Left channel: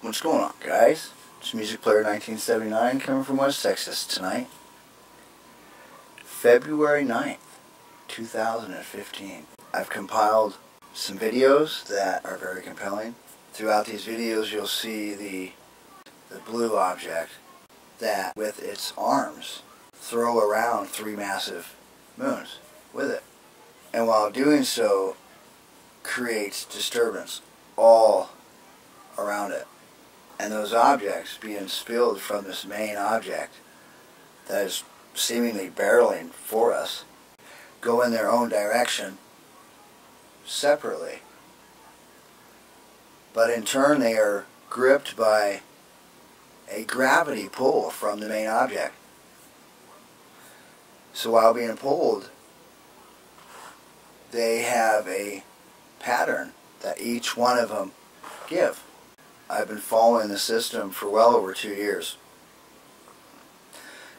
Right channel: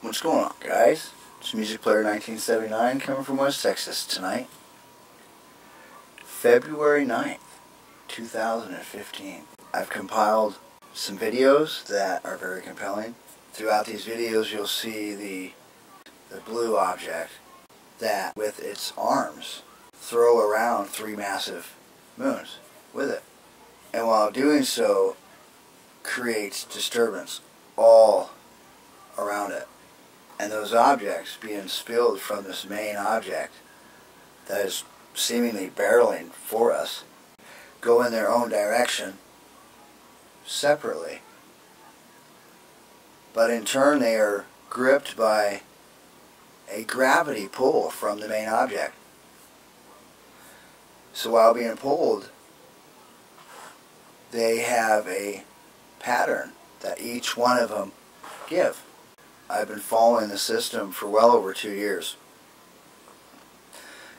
What's going on, guys? It's Music Player 1979 coming from West Texas tonight. February 9th, 2015. I've compiled some videos that are very compelling. Throughout these videos you'll see the blue object that with its arms throw around 3 massive moons with it. And while doing so creates disturbance all around it. And those objects being spilled from this main object that is seemingly barreling for us go in their own direction separately. But in turn they are gripped by a gravity pull from the main object. So while being pulled, they have a pattern that each one of them give. I've been following the system for well over 2 years.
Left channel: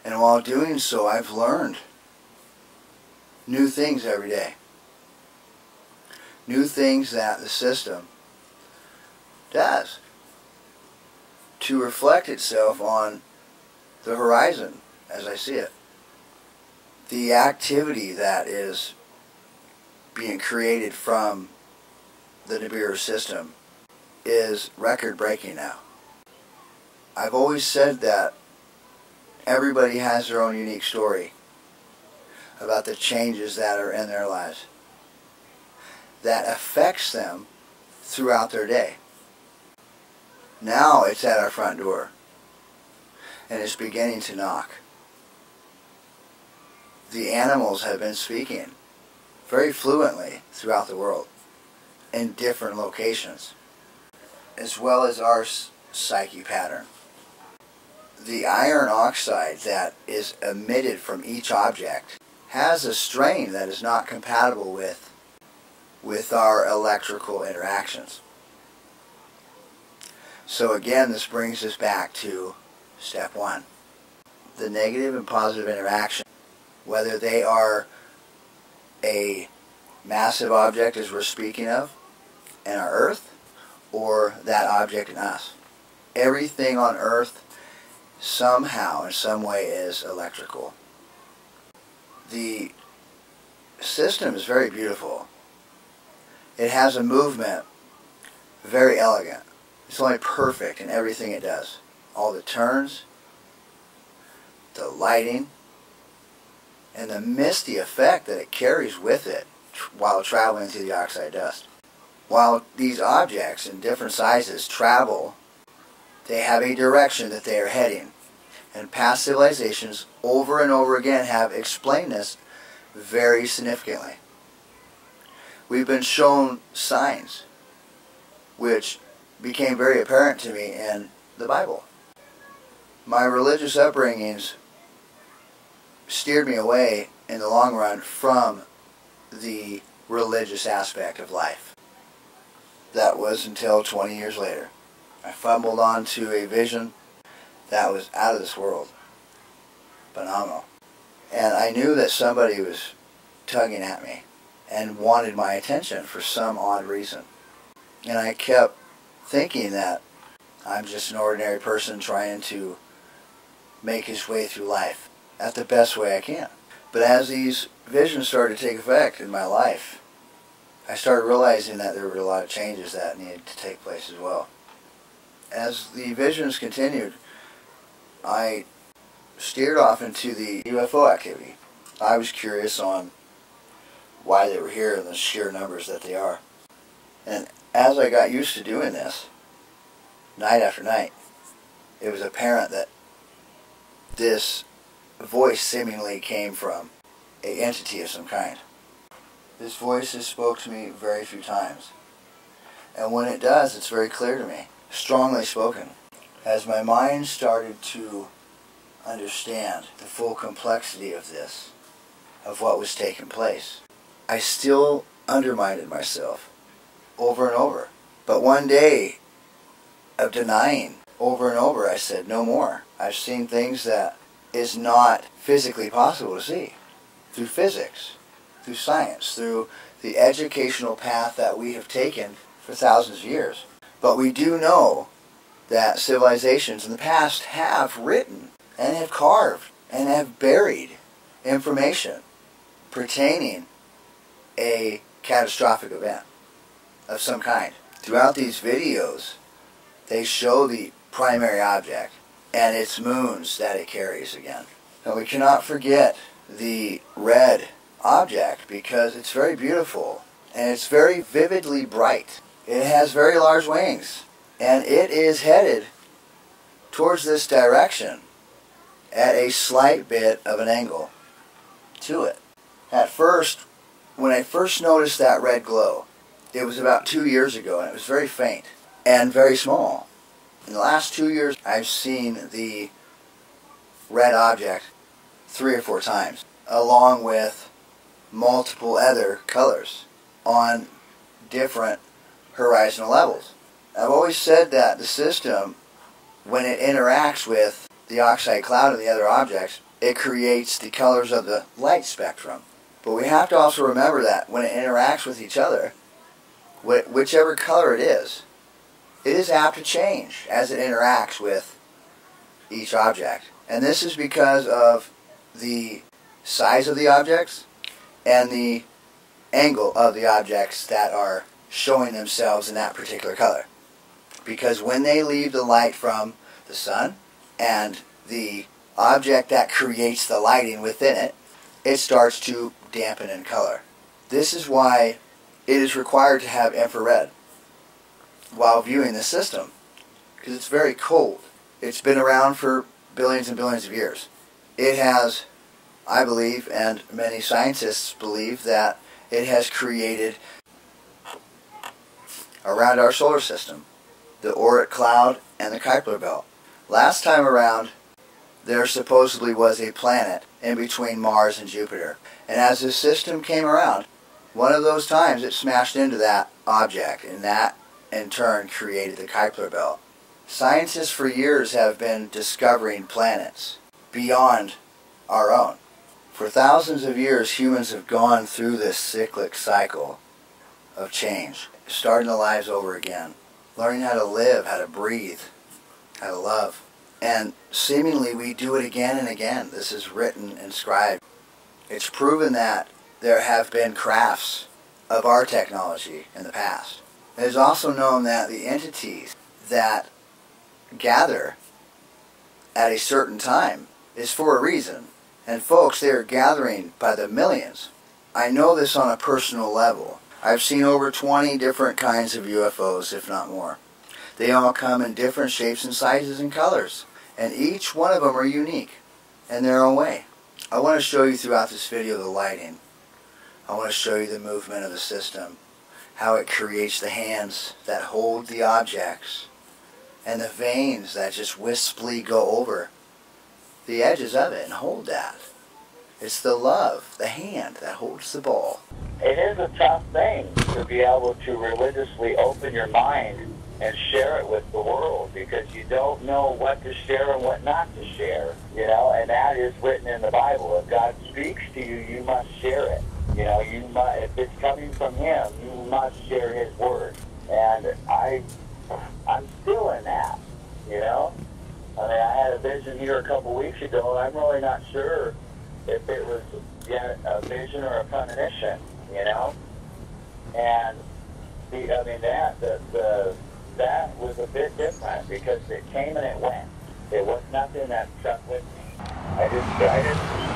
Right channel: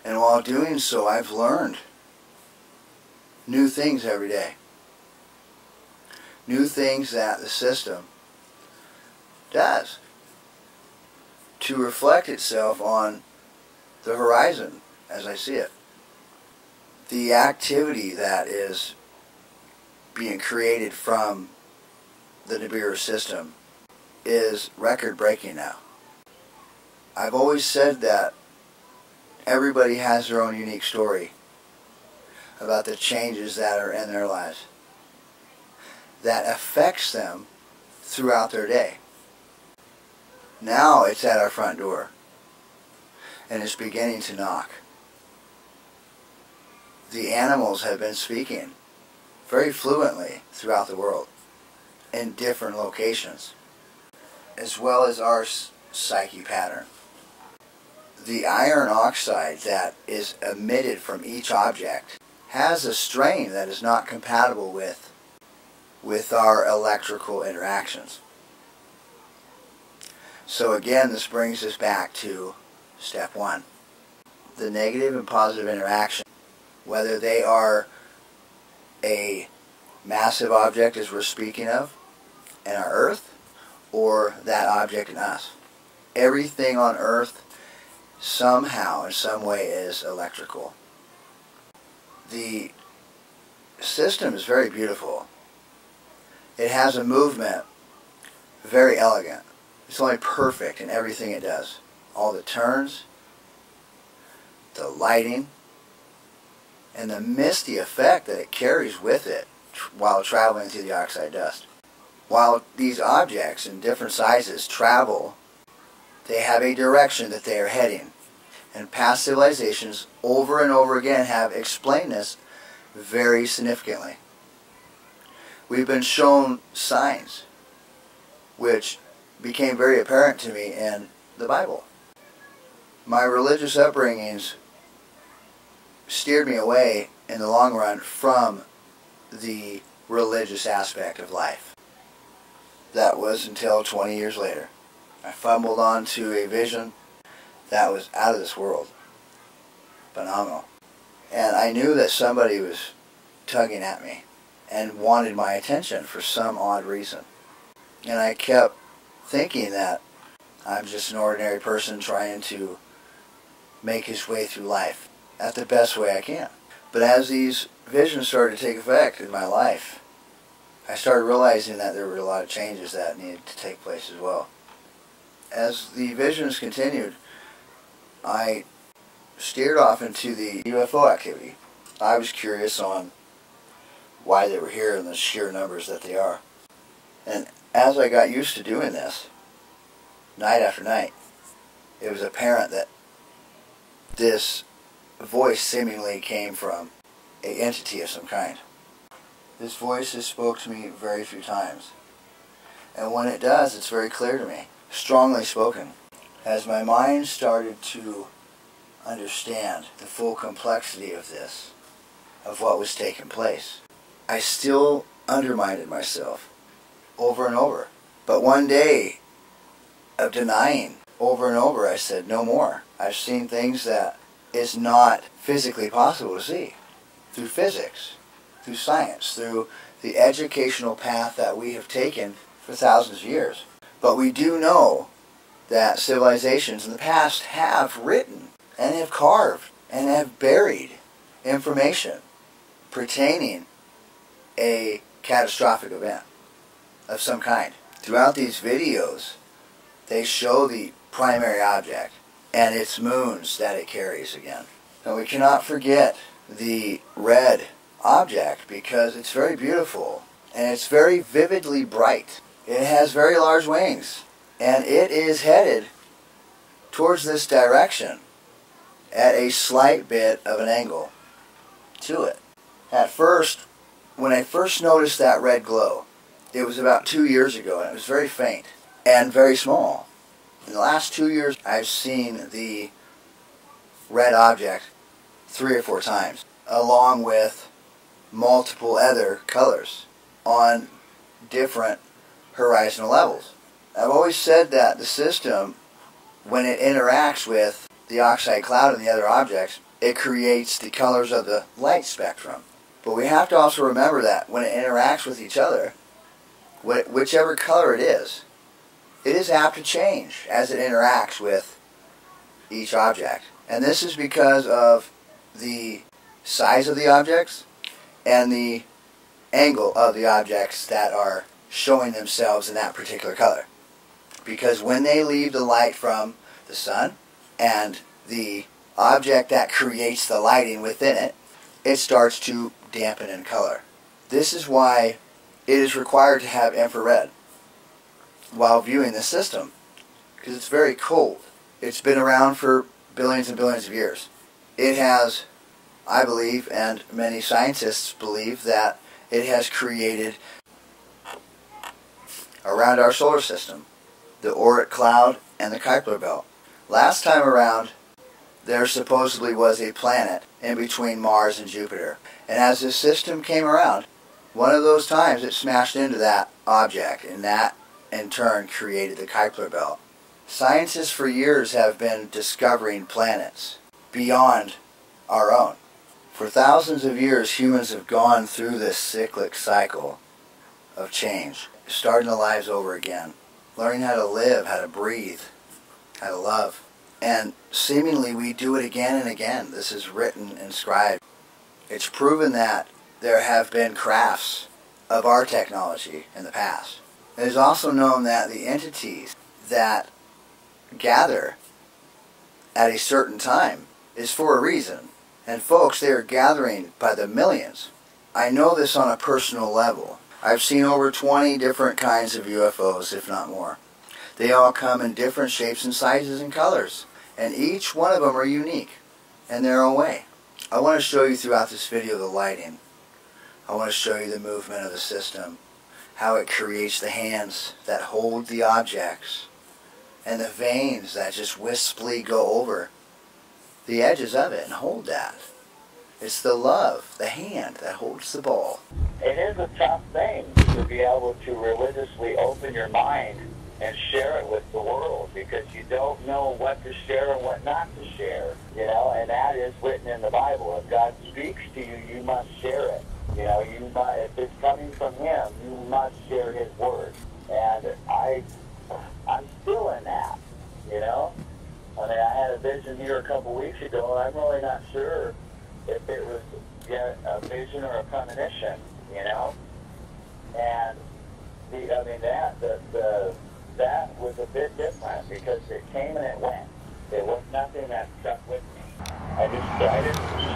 And while doing so, I've learned new things every day. New things that the system does to reflect itself on the horizon as I see it. The activity that is being created from the Nibiru system is record-breaking now. I've always said that everybody has their own unique story about the changes that are in their lives that affects them throughout their day. Now it's at our front door and it's beginning to knock. The animals have been speaking very fluently throughout the world in different locations, as well as our psyche pattern. The iron oxide that is emitted from each object has a strain that is not compatible with our electrical interactions. So again, this brings us back to step 1. The negative and positive interaction, whether they are a massive object as we're speaking of in our Earth, or that object in us. Everything on Earth somehow, in some way, is electrical. The system is very beautiful. It has a movement very elegant. It's only perfect in everything it does. All the turns, the lighting, and the misty effect that it carries with it while traveling through the oxide dust. While these objects in different sizes travel, they have a direction that they are heading. And past civilizations over and over again have explained this very significantly. We've been shown signs which became very apparent to me in the Bible. My religious upbringings steered me away in the long run from the religious aspect of life. That was until 20 years later. I fumbled onto a vision that was out of this world. Phenomenal. And I knew that somebody was tugging at me and wanted my attention for some odd reason. And I kept thinking that I'm just an ordinary person trying to make his way through life at the best way I can. But as these visions started to take effect in my life, I started realizing that there were a lot of changes that needed to take place as well. As the visions continued, I steered off into the UFO activity. I was curious on why they were here and the sheer numbers that they are. And as I got used to doing this, night after night, it was apparent that this voice seemingly came from an entity of some kind. This voice has spoke to me very few times. And when it does, it's very clear to me. Strongly spoken. As my mind started to understand the full complexity of this, of what was taking place, I still undermined myself over and over. But one day of denying over and over, I said, no more. I've seen things that is not physically possible to see. Through physics, through science, through the educational path that we have taken for thousands of years. But we do know that civilizations in the past have written and have carved and have buried information pertaining a catastrophic event of some kind. Throughout these videos, they show the primary object and its moons that it carries again. Now we cannot forget the red object because it's very beautiful and it's very vividly bright. It has very large wings and it is headed towards this direction at a slight bit of an angle to it. At first, when I first noticed that red glow, it was about 2 years ago and it was very faint and very small. In the last 2 years, I've seen the red object 3 or 4 times, along with multiple other colors on different horizontal levels. I've always said that the system, when it interacts with the oxide cloud and the other objects, it creates the colors of the light spectrum. But we have to also remember that when it interacts with each other, whichever color it is apt to change as it interacts with each object. And this is because of the size of the objects and the angle of the objects that are showing themselves in that particular color. Because when they leave the light from the sun and the object that creates the lighting within it, it starts to dampen in color. This is why it is required to have infrared while viewing the system, because it's very cold. It's been around for billions and billions of years. It has, I believe, and many scientists believe, that it has created around our solar system the Oort cloud and the Kuiper belt. Last time around, there supposedly was a planet in between Mars and Jupiter. And as this system came around, one of those times it smashed into that object, and that in turn created the Kuiper belt. Scientists for years have been discovering planets beyond our own. For thousands of years, humans have gone through this cyclic cycle of change, starting their lives over again, learning how to live, how to breathe, how to love. And seemingly we do it again and again. This is written, inscribed. It's proven that there have been crafts of our technology in the past. It is also known that the entities that gather at a certain time is for a reason. And folks, they are gathering by the millions. I know this on a personal level. I've seen over 20 different kinds of UFOs, if not more. They all come in different shapes and sizes and colors. And each one of them are unique in their own way. I want to show you throughout this video the lighting. I want to show you the movement of the system, how it creates the hands that hold the objects, and the veins that just wisply go over the edges of it and hold that. It's the love, the hand that holds the ball. It is a tough thing to be able to religiously open your mind and share it with the world, because you don't know what to share and what not to share, you know, and that is written in the Bible. If God speaks to you, you must share it. You know, you must, if it's coming from Him, you must share His word. And I'm still in that, you know. I mean, I had a vision here a couple weeks ago, and I'm really not sure if it was yet a vision or a premonition, you know. And that was a bit different, because it came and it went. It was nothing that stuck with me. I just try to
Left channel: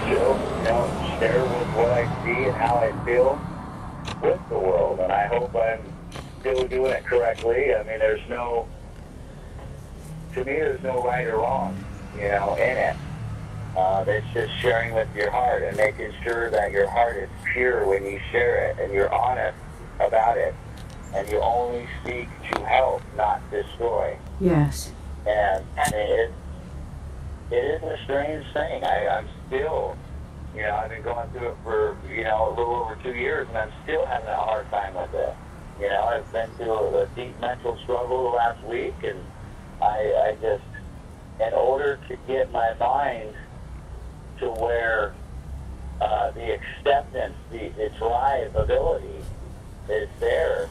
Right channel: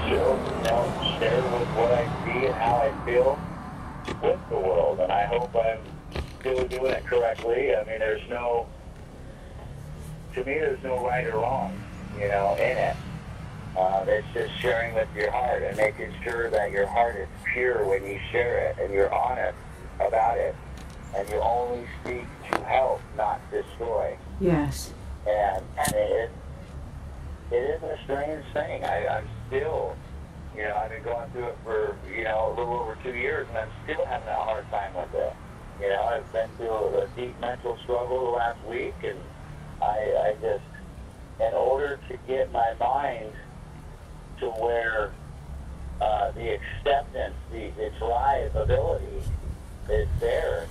share with what I see and how I feel with the world, and I hope I'm still doing it correctly. I mean, there's no right or wrong, you know, in it. It's just sharing with your heart and making sure that your heart is pure when you share it, and you're honest about it, and you only speak to help, not destroy. Yes. And it is a strange thing. I'm still, you know, I've been going through it for, you know, a little over 2 years, and I'm still having a hard time with it. You know, I've been through a deep mental struggle the last week, and I just, in order to get my mind to where the acceptance, the drive ability is there,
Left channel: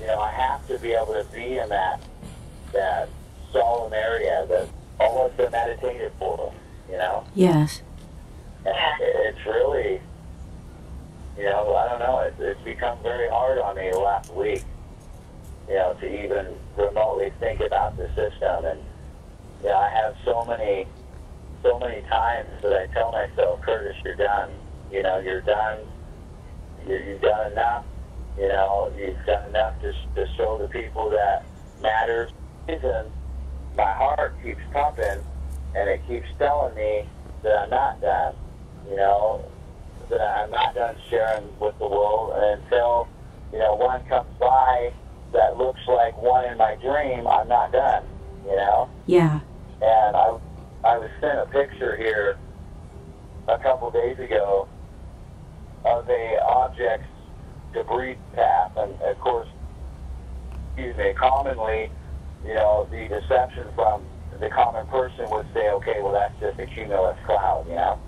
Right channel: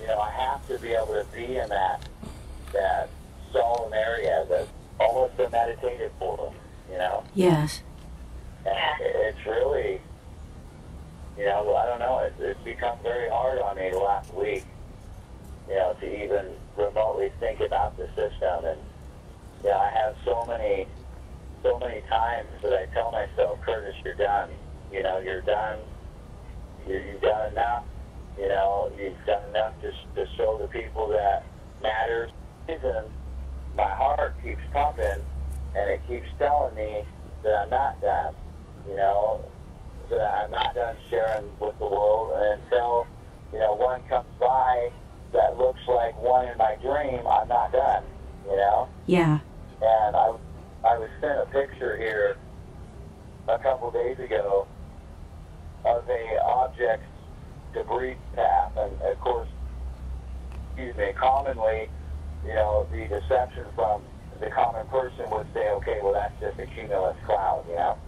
you know, I have to be able to be in that solid almost a meditative portal, you know? Yes. And it's really, you know, I don't know, it's become very hard on me the last week, you know, to even remotely think about the system. And, you know, I have so many times that I tell myself, Curtis, you're done. You know, you're done. You've done enough. You know, you've done enough to show the people that matters. And my heart keeps pumping, and it keeps telling me that I'm not done. You know, that I'm not done sharing with the world. And until, you know, one comes by that looks like one in my dream, I'm not done. You know? Yeah. And I was sent a picture here a couple days ago of a object's debris path, and of course, commonly, you know, the deception from the common person would say, okay, well, that's just a cumulus cloud, you know?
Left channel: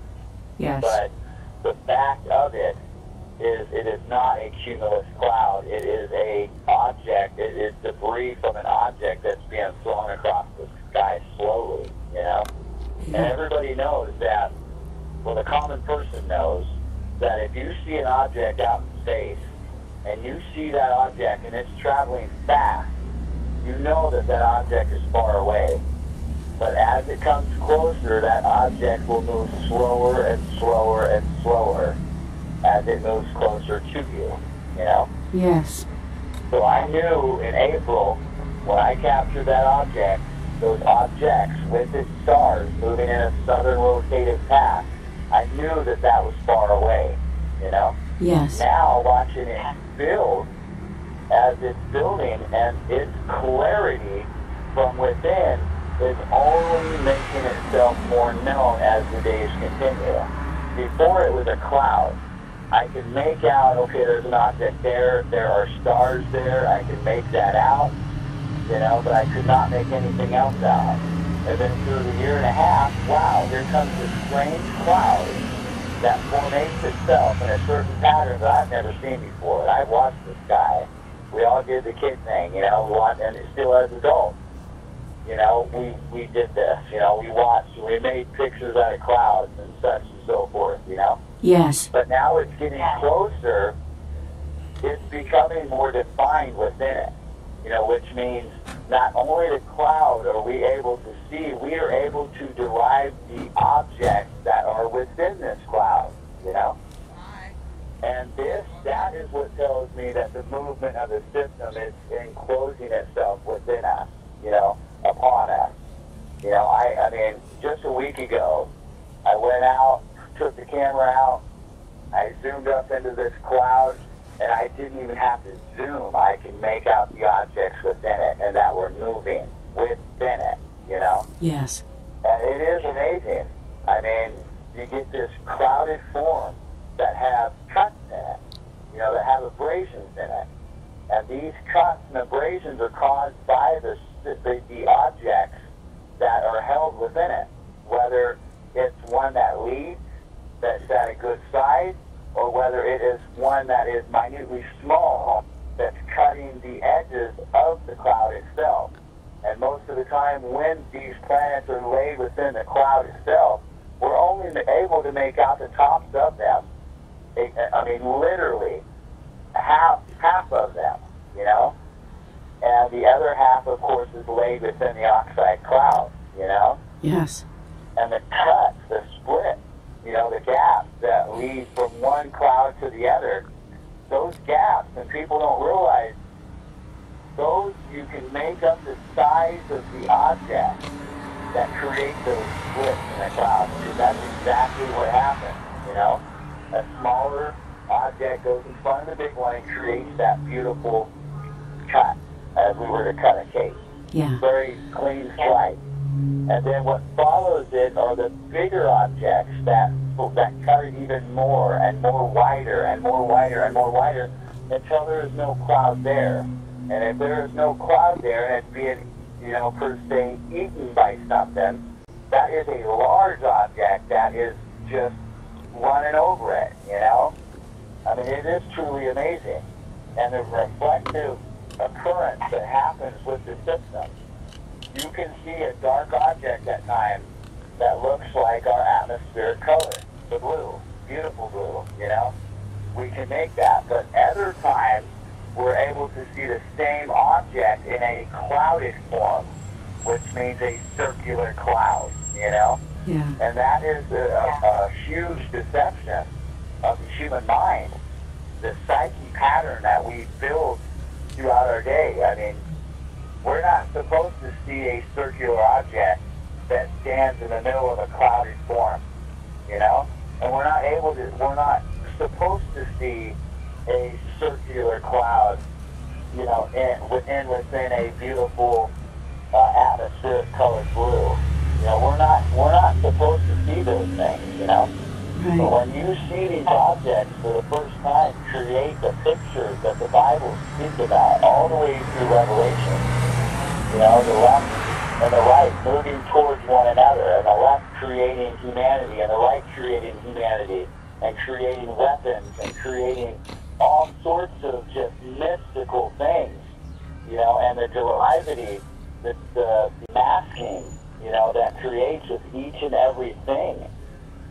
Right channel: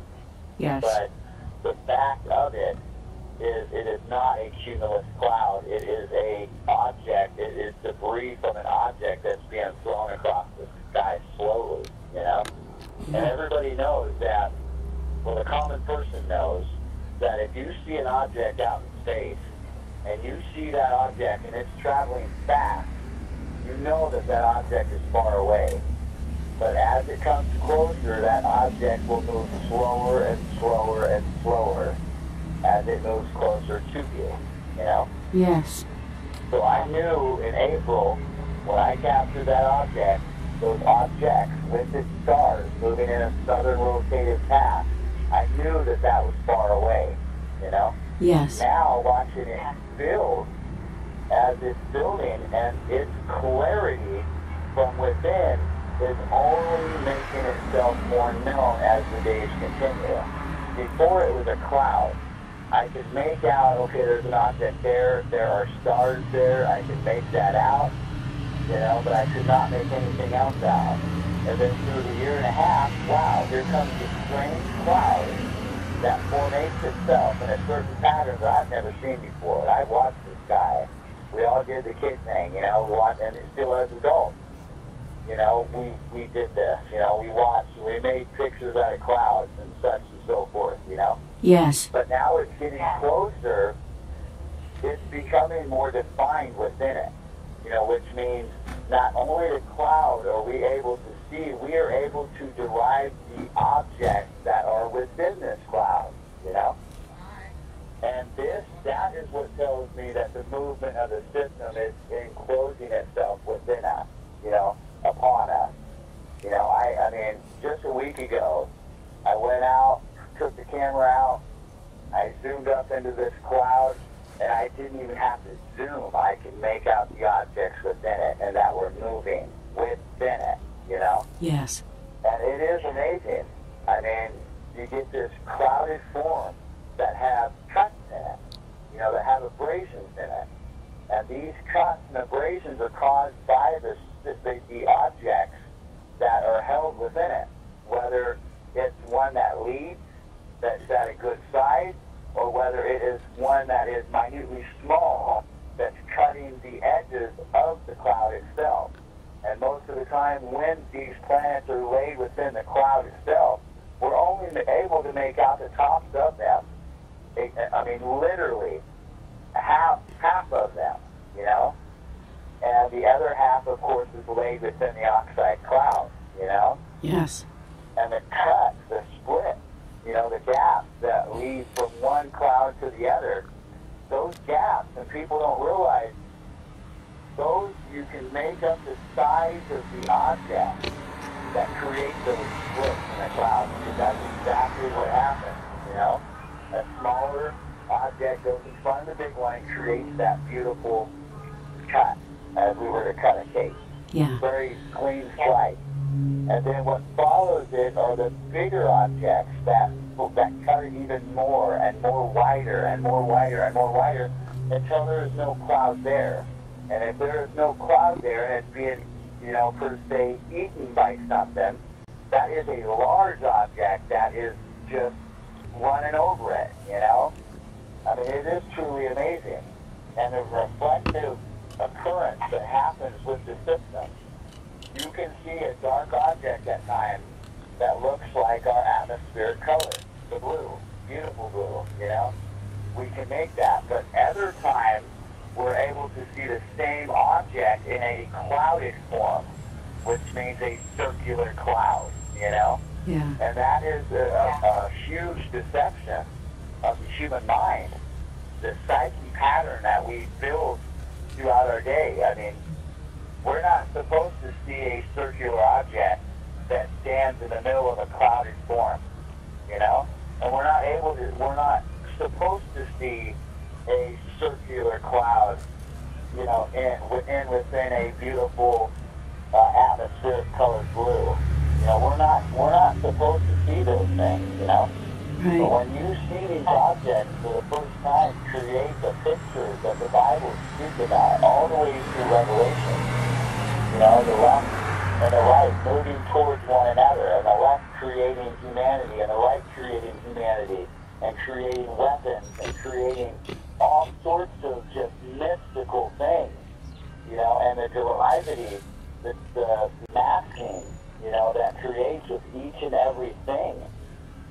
Yes. But the fact of it is not a cumulus cloud. It is a object. It is debris from an object that's being thrown across the sky slowly, you know? And everybody knows that, well, the common person knows that if you see an object out in space and you see that object and it's traveling fast, you know that that object is far away. But as it comes closer, that object will move slower and slower and slower as it moves closer to you, you know? Yes. So I knew in April, when I captured that object, those objects with its stars moving in a southern rotative path, I knew that that was far away, you know? Yes. Now, watching it build, as it's building, and its clarity from within is only making itself more known as the days continue. Before it was a cloud. I could make out, okay, there's an object there, there are stars there, I could make that out, you know, but I could not make anything else out. And then through the year and a half, wow, here comes this strange cloud that formates itself in a certain pattern that I've never seen before. And I watched this guy. We all did the kid thing, you know, we watched, and still as adults, you know, we did this, you know, we watched, we made pictures out of clouds and such and so forth, you know. Yes. But now it's getting closer, it's becoming more defined within it, you know, which means not only the cloud are we able to see, we are able to derive the objects that are within this cloud, you know? And that is what tells me that the movement of the system is enclosing itself within us, you know, upon us. You know, I mean, just a week ago, I went out, took the camera out, I zoomed up into this cloud, and I didn't even have to zoom. I could make out the objects within it and that were moving within it, you know? Yes. And it is amazing. I mean, you get this clouded form that have cuts in it, you know, that have abrasions in it. And these cuts and abrasions are caused by the objects that are held within it, whether it's one that leads, that's at a good size, or whether it is one that is minutely small, that's cutting the edges of the cloud itself. And most of the time when these planets are laid within the cloud itself, we're only able to make out the tops of them. I mean, literally, half of them, you know? And the other half, of course, is laid within the oxide cloud, you know? Yes. And the cuts, the split, you know, the gaps that lead from one cloud to the other, those gaps, and people don't realize, those, you can make up the size of the object that create those splits in the cloud. Because that's exactly what happens, you know? A smaller object goes in front of the big one and creates that beautiful cut, as we were to cut a cake. Yeah. Very clean slice. And then what follows it are the bigger objects that cut it even more and more wider and more wider and more wider until there is no cloud there. And if there is no cloud there and it's being, you know, per se, eaten by something, that is a large object that is just running over it, you know? I mean, it is truly amazing. And the reflective occurrence that happens with the system you can see a dark object at times that looks like our atmospheric color, the blue, beautiful blue, you know? We can make that, but other times we're able to see the same object in a clouded form, which means a circular cloud, you know? Yeah. And that is a huge deception of the human mind, the psyche pattern that we build throughout our day. I mean, we're not supposed to see a circular object that stands in the middle of a clouded form, you know? And we're not supposed to see a circular cloud, you know, within a beautiful atmospheric colored blue. You know, we're not supposed to see those things, you know. Right. But when you see these objects for the first time create the pictures that the Bible speaks about, all the way through Revelation, you know, the left and the right moving towards one another, and the left creating humanity, and the right creating humanity, and creating weapons, and creating all sorts of just mystical things, you know, and the derivity, the masking, you know, that creates with each and everything.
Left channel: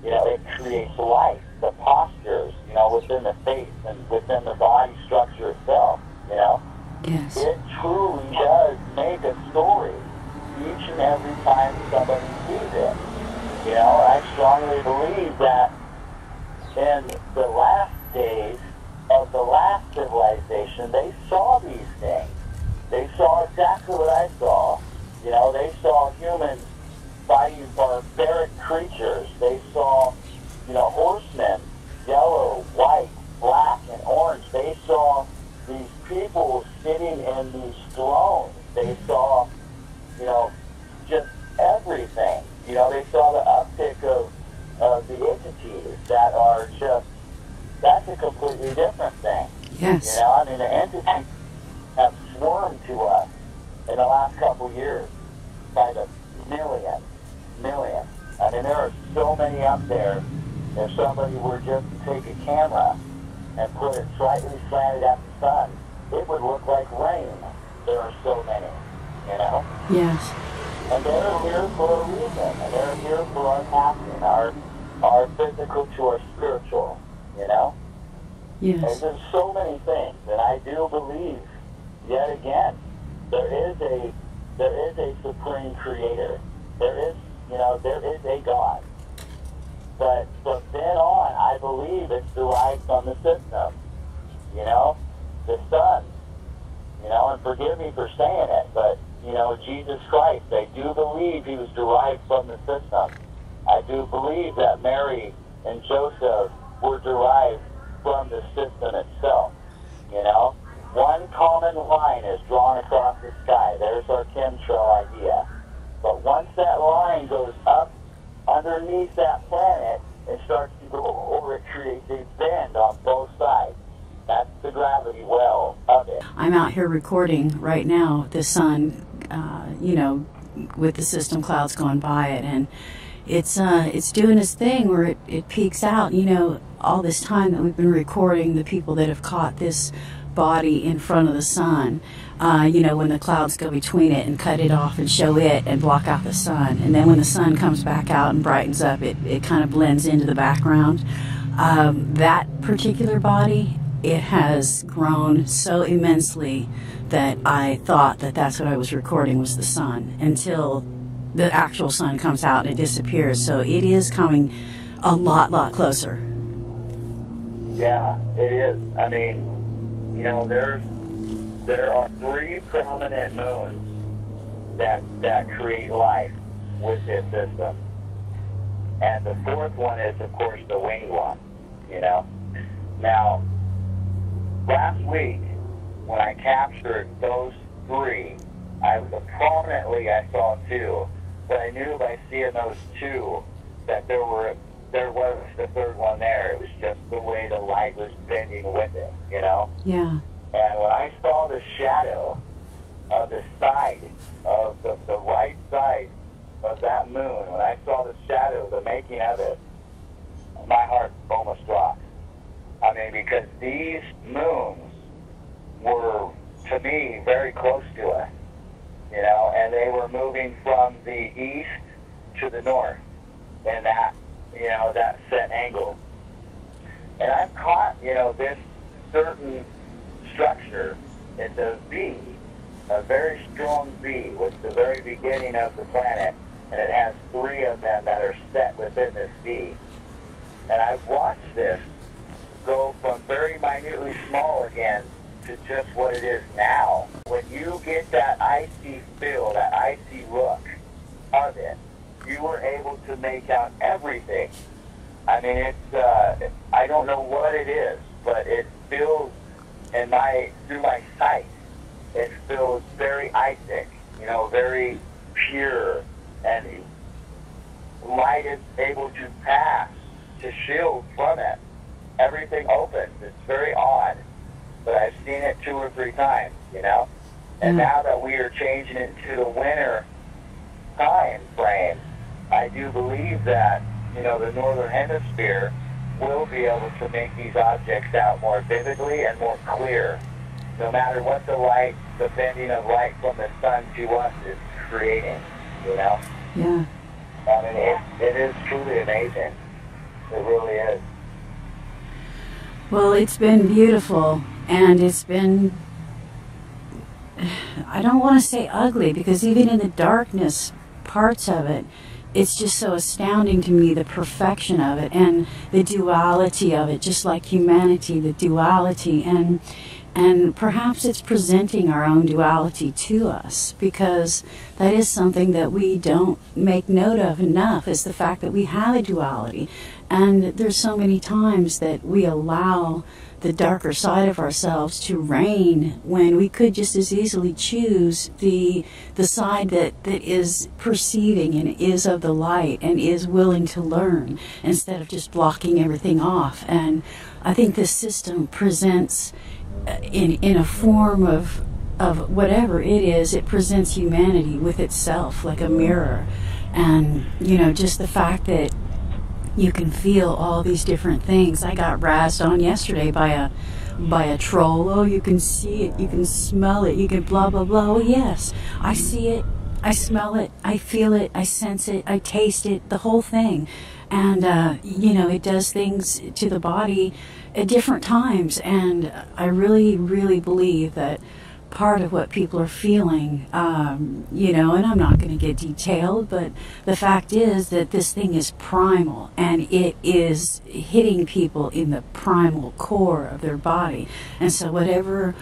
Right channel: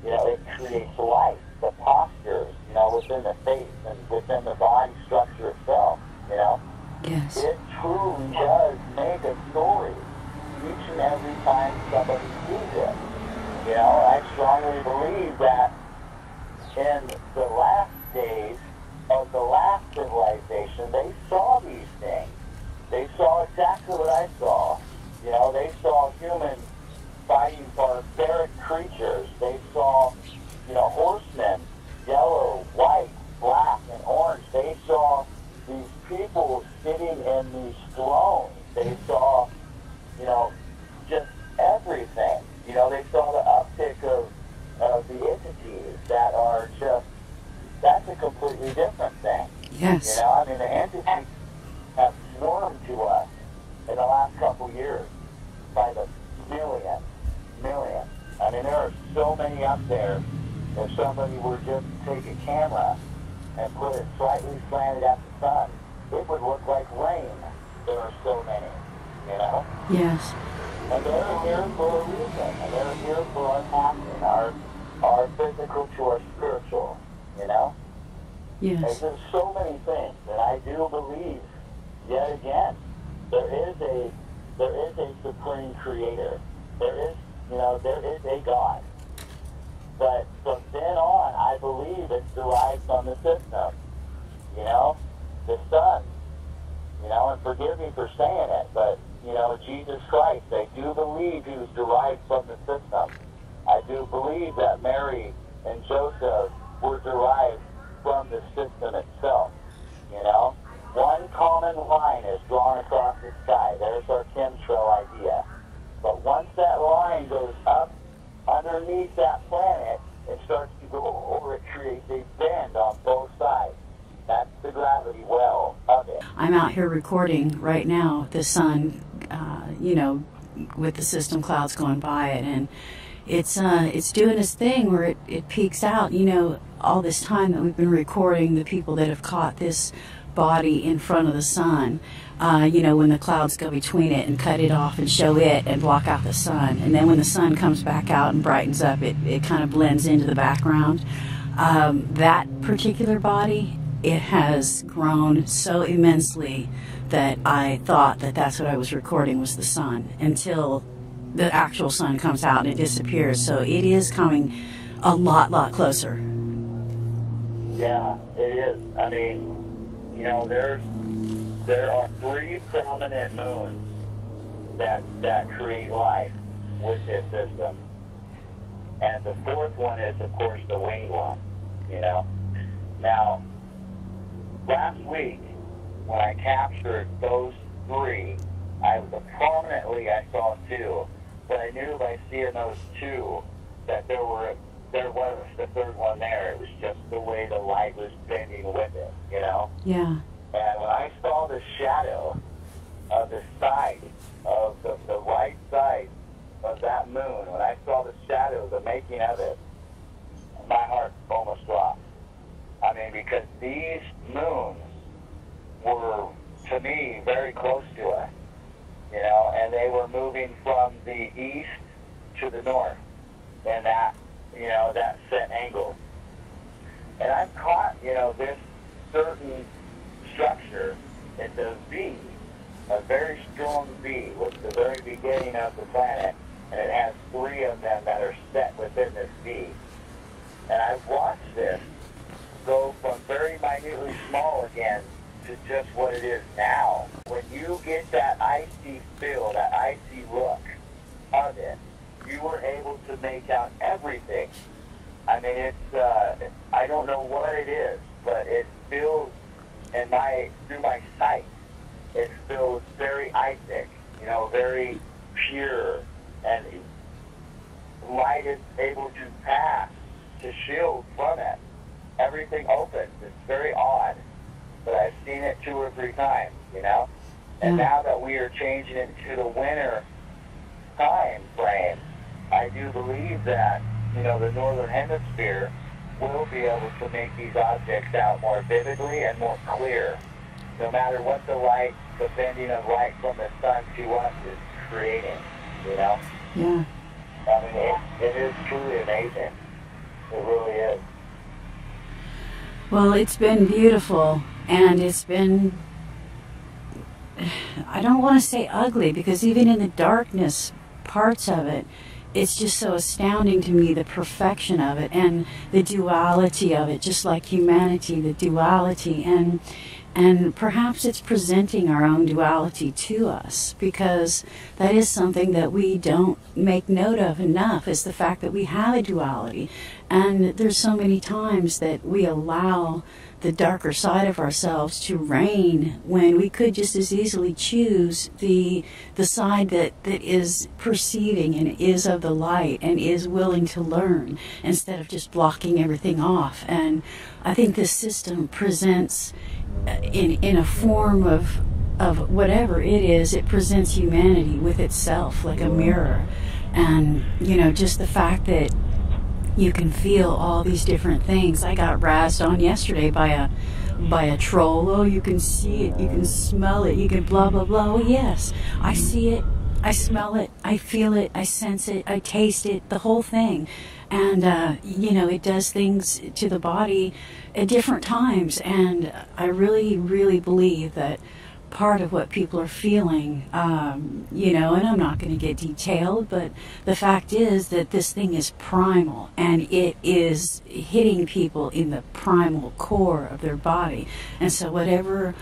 You know, it creates life, the postures, you know, within the face and within the body structure itself, you know. Yes. It truly does make a story each and every time somebody sees it. You know, I strongly believe that in the last days of the last civilization, they saw these things. They saw exactly what I saw. You know, they saw humans fighting barbaric creatures. They saw, you know, horsemen, yellow, white, black, and orange. They saw these people sitting in these thrones. They saw, you know, just everything. You know, they saw the uptick of the entities that are just, that's a completely different thing. Yes. You know, I mean, the entities have swarmed to us in the last couple years by the millions. I mean, there are so many up there. If somebody were just to take a camera and put it slightly slanted at the sun, it would look like rain. There are so many, you know? Yes. And they're here for a reason. And they're here for our passing, our physical to our spiritual, you know? Yes. And there's so many things. And I do believe, yet again, there is a supreme creator. There is, you know, there is a God. But from then on, I believe it's derived from the system. You know, the sun. You know, and forgive me for saying it, but, you know, Jesus Christ, I do believe he was derived from the system. I do believe that Mary and Joseph were derived from the system itself. You know, one common line is drawn across the sky. There's our chemtrail idea. But once that line goes up underneath that planet, it starts to go over, it creates a bend on both sides. That's the gravity well of it. I'm out here recording right now the sun, you know, with the system clouds going by it, and it's doing its thing where it peaks out. You know, all this time that we've been recording the people that have caught this body in front of the sun, you know, when the clouds go between it and cut it off and show it and block out the sun, and then when the sun comes back out and brightens up, it kind of blends into the background. That particular body, it has grown so immensely that I thought that that's what I was recording was the sun, until the actual sun comes out and it disappears. So it is coming a lot closer. Yeah, it is. I mean, you know, there are 3 prominent moons that create life with this system. And the 4th one is, of course, the winged one, you know. Now, last week, when I captured those 3, I saw 2, but I knew by seeing those 2 that there was the 3rd one there. It was just the way the light was bending with it, you know? Yeah. And when I saw the shadow of the side, of the right side of that moon, when I saw the shadow, the making of it, my heart almost dropped. I mean, because these moons were, to me, very close to us. you know, and they were moving from the east to the north in that, you know, that set angle. And I've caught, you know, this certain structure. It's a V, a very strong V, with the very beginning of the planet, and it has 3 of them that are set within this V. And I've watched this go from very minutely small again to just what it is now. When you get that icy feel, that icy look of it, you were able to make out everything. I mean, it's, I don't know what it is, but it feels, through my sight, it feels very icy, you know, very pure, and light is able to pass, to shield from it. Everything opens. It's very odd, but I've seen it 2 or 3 times, you know? And now that we are changing it to the winter time frame, I do believe that, you know, the northern hemisphere will be able to make these objects out more vividly and more clear, no matter what the light, the bending of light from the sun to us is creating, you know? Yeah. I mean, it is truly amazing. It really is. Well, it's been beautiful, and it's been, I don't want to say ugly, because even in the darkness parts of it, it's just so astounding to me, the perfection of it and the duality of it, just like humanity, the duality. And perhaps it's presenting our own duality to us, because that is something that we don't make note of enough, is the fact that we have a duality. And there's so many times that we allow the darker side of ourselves to reign, when we could just as easily choose the side that is perceiving and is of the light and is willing to learn, instead of just blocking everything off. And I think this system presents, in a form of whatever it is, it presents humanity with itself like a mirror. And, you know, just the fact that you can feel all these different things. I got razzed on yesterday by a troll. Oh, you can see it, you can smell it, you can blah blah blah. Oh yes, I see it, I smell it, I feel it, I sense it, I taste it, the whole thing. And you know, it does things to the body at different times. And I really, really believe that part of what people are feeling, you know, and I'm not going to get detailed, but the fact is that this thing is primal, and it is hitting people in the primal core of their body. And so whatever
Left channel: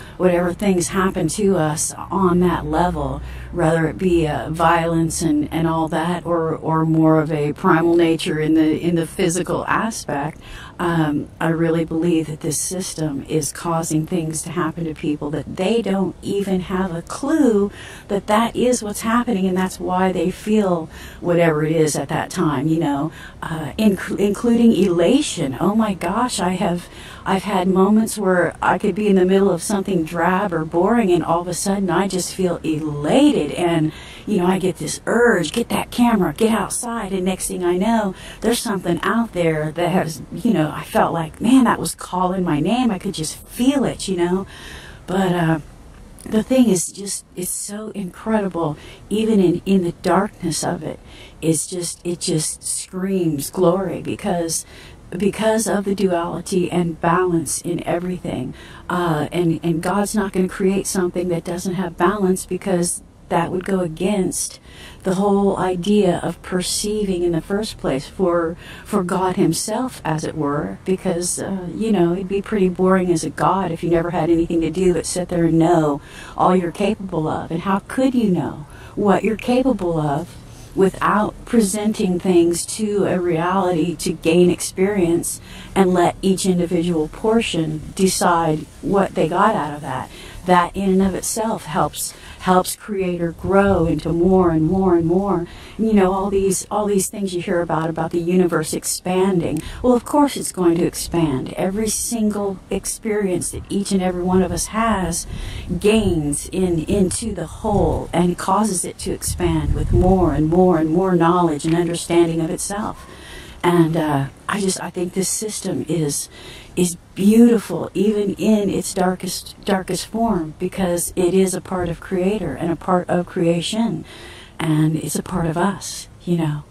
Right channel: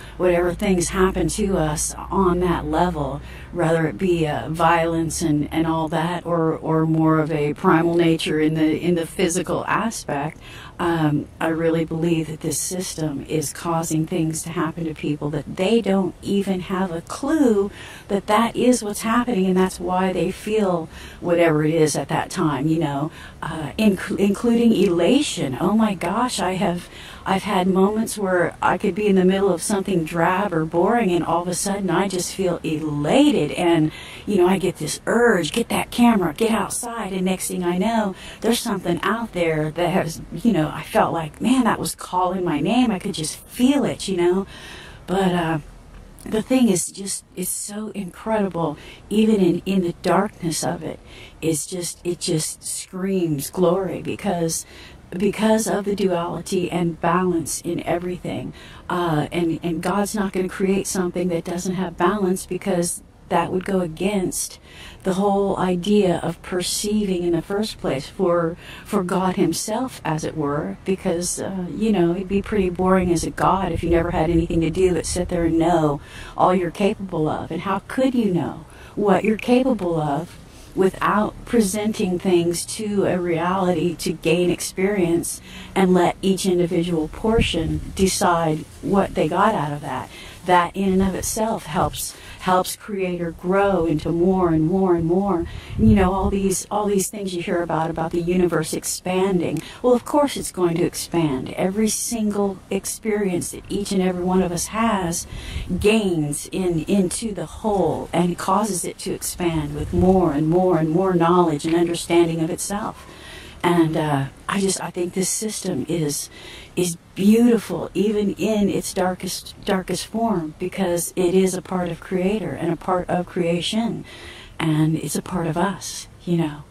things happen to us on that level, whether it be violence and all that, or more of a primal nature in the physical aspect, I really believe that this system is causing things to happen to people that they don't even have a clue that is what's happening, and that's why they feel whatever it is at that time, you know, including elation. Oh my gosh, I've had moments where I could be in the middle of something drab or boring, and all of a sudden I just feel elated, and you know, I get this urge, get that camera, get outside, and next thing I know, there's something out there that has, you know, I felt like, man, that was calling my name. I could just feel it, you know. But the thing is just, it's so incredible, even in the darkness of it. It just screams glory, because of the duality and balance in everything. And God's not going to create something that doesn't have balance, because that would go against the whole idea of perceiving in the first place for God himself, as it were. Because, you know, it'd be pretty boring as a God if you never had anything to do but sit there and know all you're capable of. And how could you know what you're capable of without presenting things to a reality to gain experience, and let each individual portion decide what they got out of that? That in and of itself helps creator grow into more and more and more. And, you know, all these things you hear about the universe expanding. Well, of course it's going to expand. Every single experience that each and every one of us has gains into the whole, and causes it to expand with more and more and more knowledge and understanding of itself. And I think this system is beautiful, even in its darkest form, because it is a part of Creator and a part of creation, and it's a part of us, you know.